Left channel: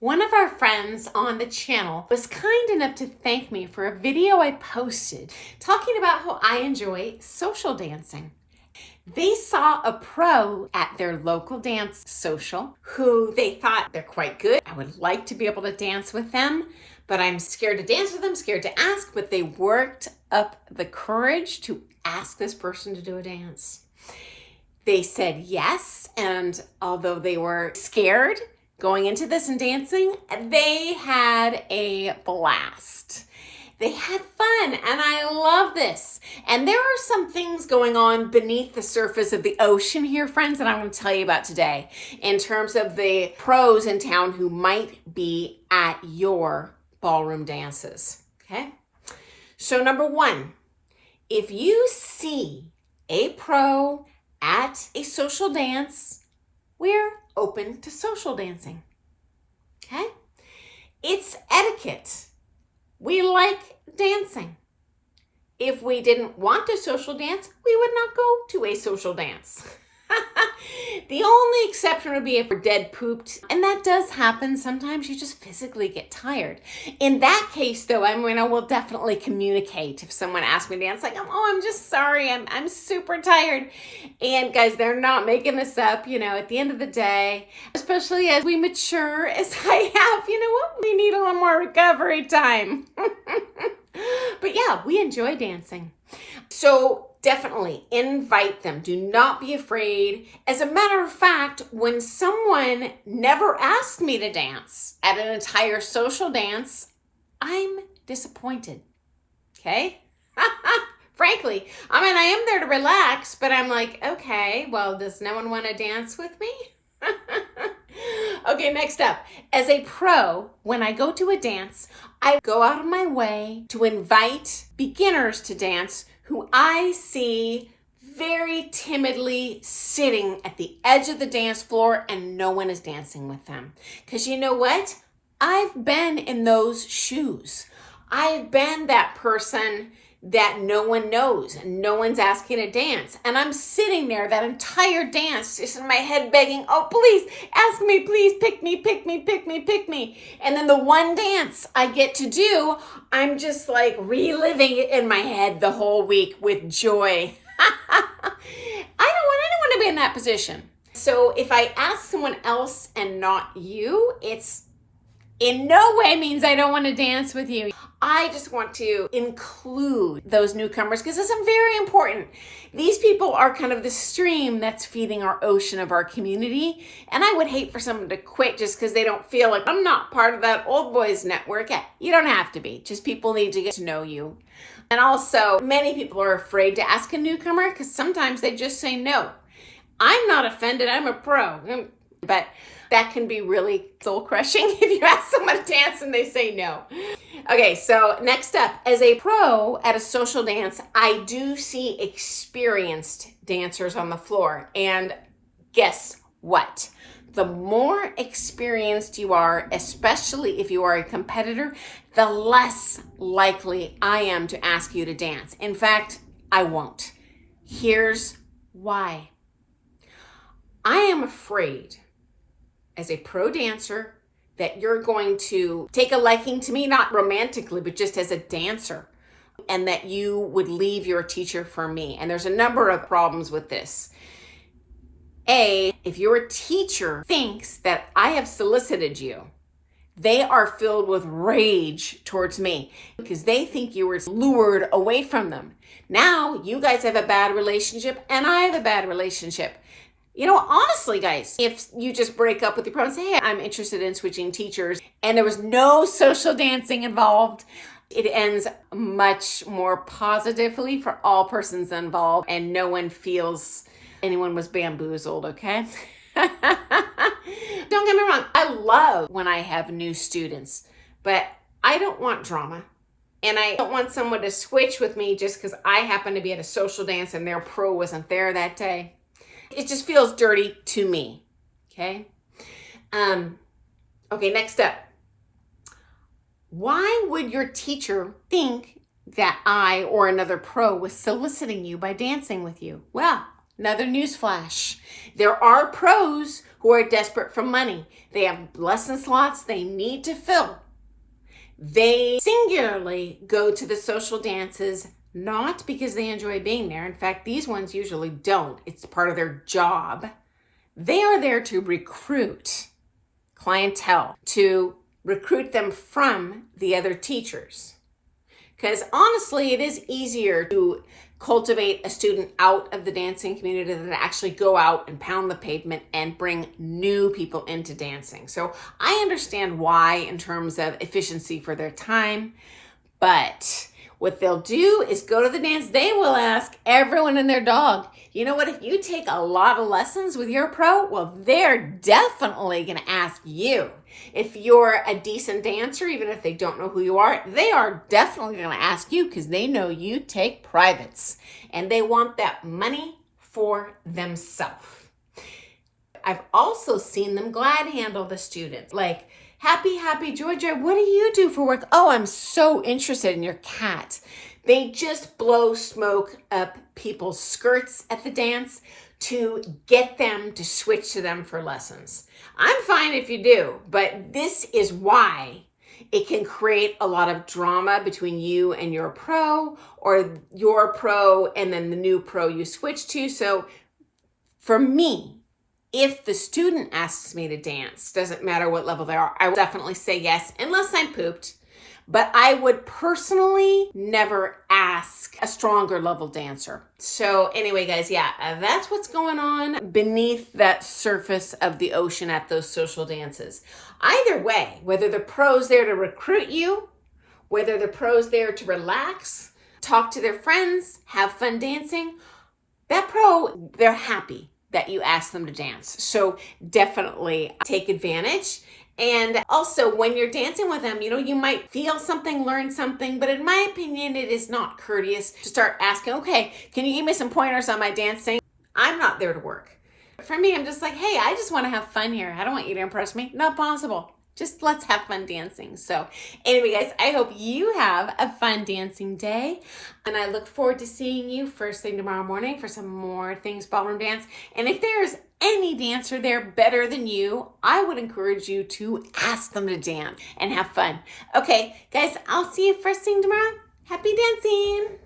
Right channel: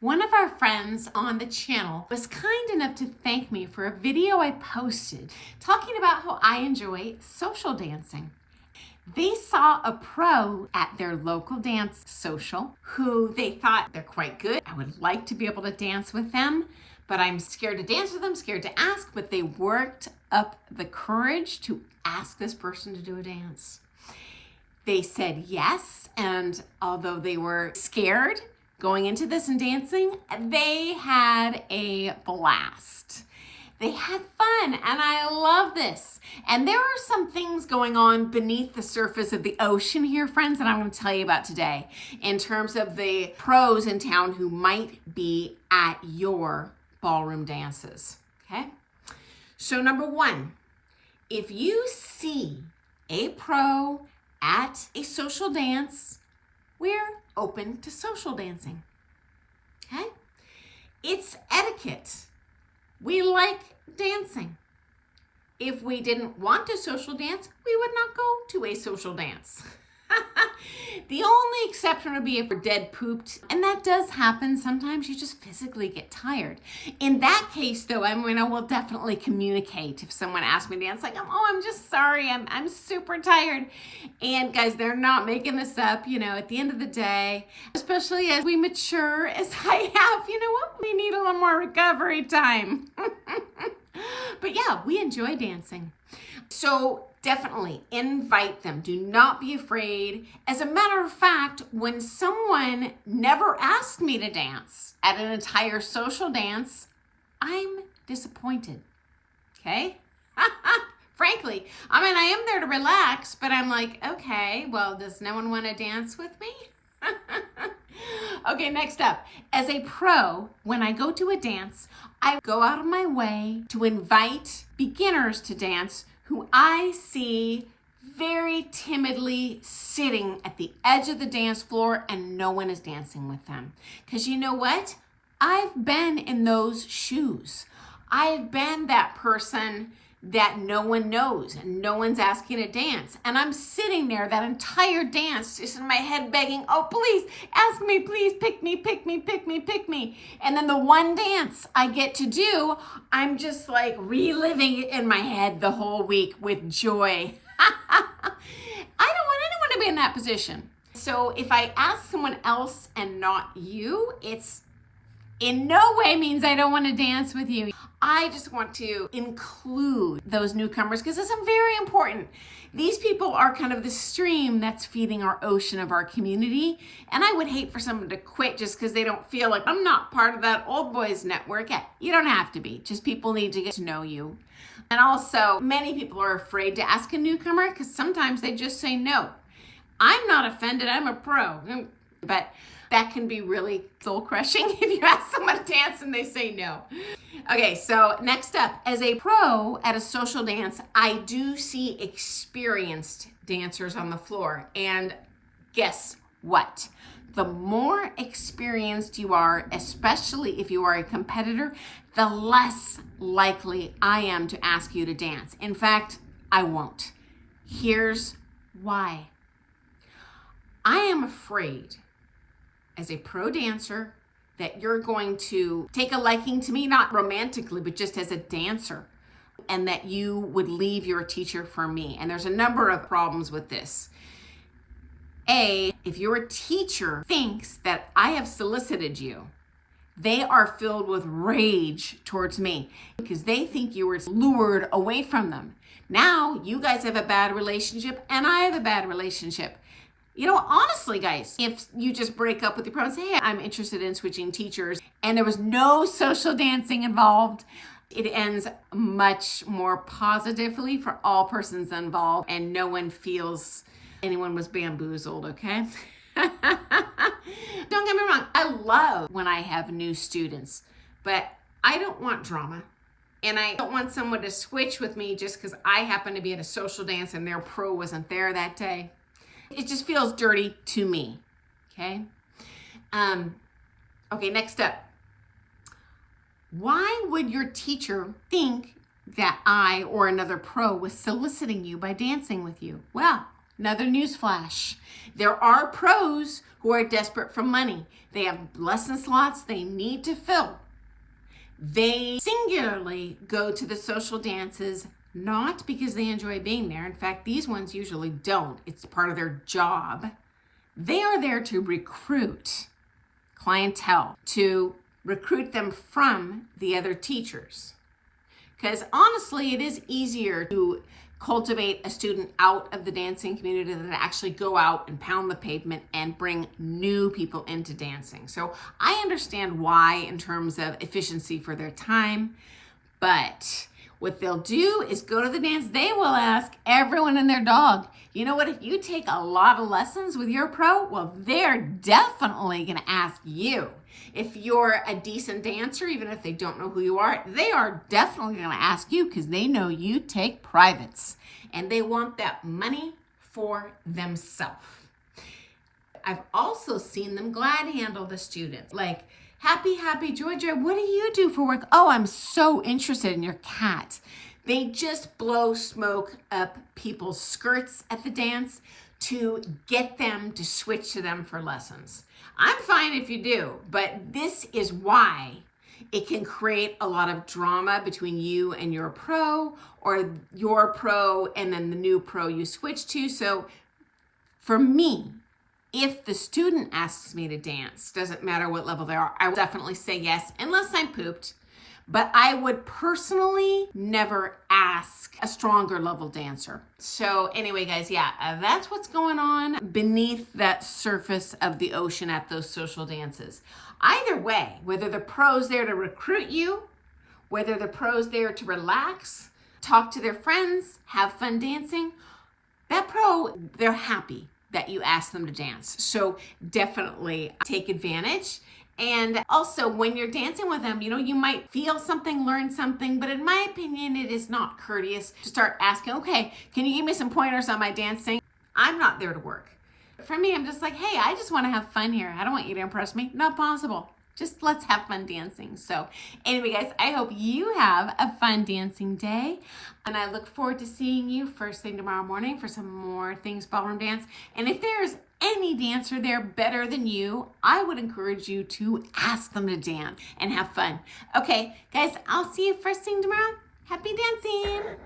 One of our friends on the channel was kind enough to thank me for a video I posted talking about how I enjoy social dancing. They saw a pro at their local dance social who they thought they're quite good. I would like to be able to dance with them, but I'm scared to dance with them, scared to ask, but they worked up the courage to ask this person to do a dance. They said yes, and although they were scared going into this and dancing, they had a blast. They had fun, and I love this. And there are some things going on beneath the surface of the ocean here, friends, that I'm going to tell you about today in terms of the pros in town who might be at your ballroom dances, okay? So number one, if you see a pro at a social dance, we're open to social dancing, okay? It's etiquette. We like dancing. If we didn't want to social dance, we would not go to a social dance. The only exception would be if we're dead pooped, and that does happen. Sometimes you just physically get tired. In that case, though, I will definitely communicate if someone asks me to dance, like, oh, I'm just sorry, I'm super tired. And guys, they're not making this up, at the end of the day, especially as we mature, as I have, we need a little more recovery time. But yeah, we enjoy dancing. So definitely invite them. Do not be afraid. As a matter of fact, when someone never asked me to dance at an entire social dance, I'm disappointed. Okay? Frankly, I am there to relax, but I'm like, okay, well, does no one want to dance with me? Okay, next up. As a pro, when I go to a dance, I go out of my way to invite beginners to dance who I see very timidly sitting at the edge of the dance floor and no one is dancing with them. Because you know what? I've been in those shoes. I've been that person that no one knows and no one's asking to dance. And I'm sitting there that entire dance just in my head begging, oh, please, ask me, please, pick me, pick me, pick me, pick me. And then the one dance I get to do, I'm just like reliving it in my head the whole week with joy. I don't want anyone to be in that position. So if I ask someone else and not you, it's in no way means I don't want to dance with you. I just want to include those newcomers because it's very important. These people are kind of the stream that's feeding our ocean of our community. And I would hate for someone to quit just because they don't feel like I'm not part of that old boys network. Yeah, you don't have to be. Just people need to get to know you. And also, many people are afraid to ask a newcomer because sometimes they just say no. I'm not offended. I'm a pro. But that can be really soul crushing if you ask someone to dance and they say no. Okay, so next up, as a pro at a social dance, I do see experienced dancers on the floor. And guess what? The more experienced you are, especially if you are a competitor, the less likely I am to ask you to dance. In fact, I won't. Here's why. I am afraid as a pro dancer that you're going to take a liking to me, not romantically, but just as a dancer, and that you would leave your teacher for me. And there's a number of problems with this. A, if your teacher thinks that I have solicited you, they are filled with rage towards me because they think you were lured away from them. Now you guys have a bad relationship and I have a bad relationship. Honestly, guys, if you just break up with your pro and say, hey, I'm interested in switching teachers, and there was no social dancing involved, it ends much more positively for all persons involved, and no one feels anyone was bamboozled, okay? Don't get me wrong. I love when I have new students, but I don't want drama. And I don't want someone to switch with me just because I happen to be at a social dance and their pro wasn't there that day. It just feels dirty to me, okay? Okay, next up. Why would your teacher think that I or another pro was soliciting you by dancing with you? Well, Another news flash. There are pros who are desperate for money. They have lesson slots they need to fill. They singularly go to the social dances not because they enjoy being there. In fact, these ones usually don't. It's part of their job. They are there to recruit clientele, to recruit them from the other teachers. Because honestly, it is easier to cultivate a student out of the dancing community than to actually go out and pound the pavement and bring new people into dancing. So I understand why in terms of efficiency for their time, but what they'll do is go to the dance. They will ask everyone and their dog, you know what, if you take a lot of lessons with your pro, well, they're definitely going to ask you. If you're a decent dancer, even if they don't know who you are, they are definitely going to ask you because they know you take privates and they want that money for themselves. I've also seen them glad handle the students. Like, happy, Georgia, what do you do for work? Oh, I'm so interested in your cat. They just blow smoke up people's skirts at the dance to get them to switch to them for lessons. I'm fine if you do, but this is why it can create a lot of drama between you and your pro, or your pro and then the new pro you switch to. So for me, if the student asks me to dance, doesn't matter what level they are, I will definitely say yes, unless I'm pooped. But I would personally never ask a stronger level dancer. So anyway, guys, yeah, that's what's going on beneath that surface of the ocean at those social dances. Either way, whether the pro's there to recruit you, whether the pro's there to relax, talk to their friends, have fun dancing, that pro, they're happy that you ask them to dance. So definitely take advantage. And also when you're dancing with them, you might feel something, learn something, but in my opinion, it is not courteous to start asking, okay, can you give me some pointers on my dancing? I'm not there to work. For me, I'm just like, hey, I just want to have fun here. I don't want you to impress me. Not possible. Just let's have fun dancing. So anyway, guys, I hope you have a fun dancing day. And I look forward to seeing you first thing tomorrow morning for some more Things Ballroom Dance. And if there's any dancer there better than you, I would encourage you to ask them to dance and have fun. Okay, guys, I'll see you first thing tomorrow. Happy dancing.